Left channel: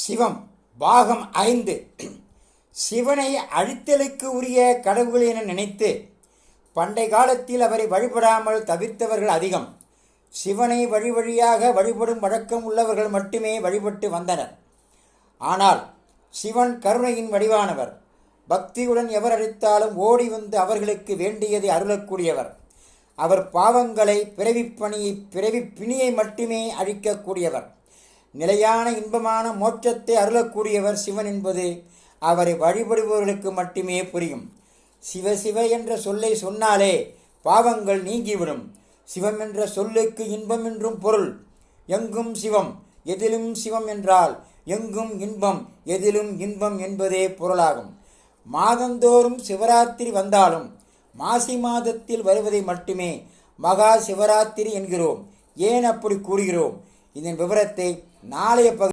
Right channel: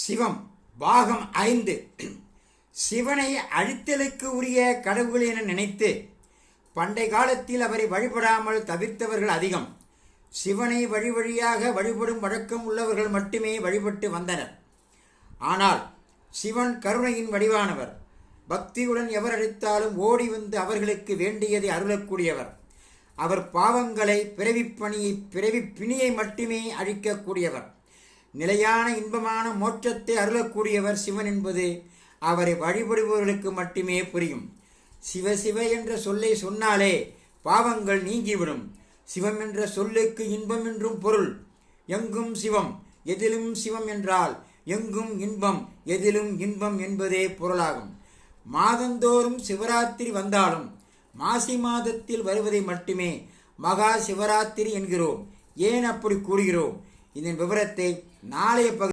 சிவம் பாகம் 5. சிவனை அழித்தலுக்கு உரிய கடவுள் என நினைத்து பண்டை காலத்தில் அவரை வழிபடாமல் தவிர்த்தவர்கள் அதிகம். சிவனை வழி வழியாக வழிபடும் வழக்கம் உள்ளவர்கள் மட்டுமே வழிபட்டு வந்தனர். ஆனால் சிவன் கருணையின் வடிவானவர். பக்தியுடன் எவர் அழைத்தாலும் ஓடி வந்து அவர்களுக்கு வேண்டியதை அருளக்கூடியவர். அவர் பாவங்களை பிறவி பிணியை மட்டுமே அழிக்கக்கூடியவர். நிலையான இன்பமான மோட்சத்தை அருளக்கூடியவர் சிவன் என்பது அவரை வழிபடுபவர்களுக்கு மட்டுமே புரியும். சிவ சிவ என்ற சொல்லை சொன்னாலே பாவங்கள் நீங்கிவிடும். சிவம் என்ற சொல்லுக்கு இன்பம் என்றும் பொருள். எங்கும் சிவம் எதிலும் சிவம் என்றால் எங்கும் இன்பம் எதிலும் இன்பம் என்பதே பொருளாகும். மாதந்தோறும் சிவராத்திரி வந்தாலும் மாசி மாதத்தில் வருவதை மட்டுமே மகா சிவராத்திரி என்கிறோம். ஏன் அப்படி கூறுகிறோம்? இதன் விவரத்தை நாளைய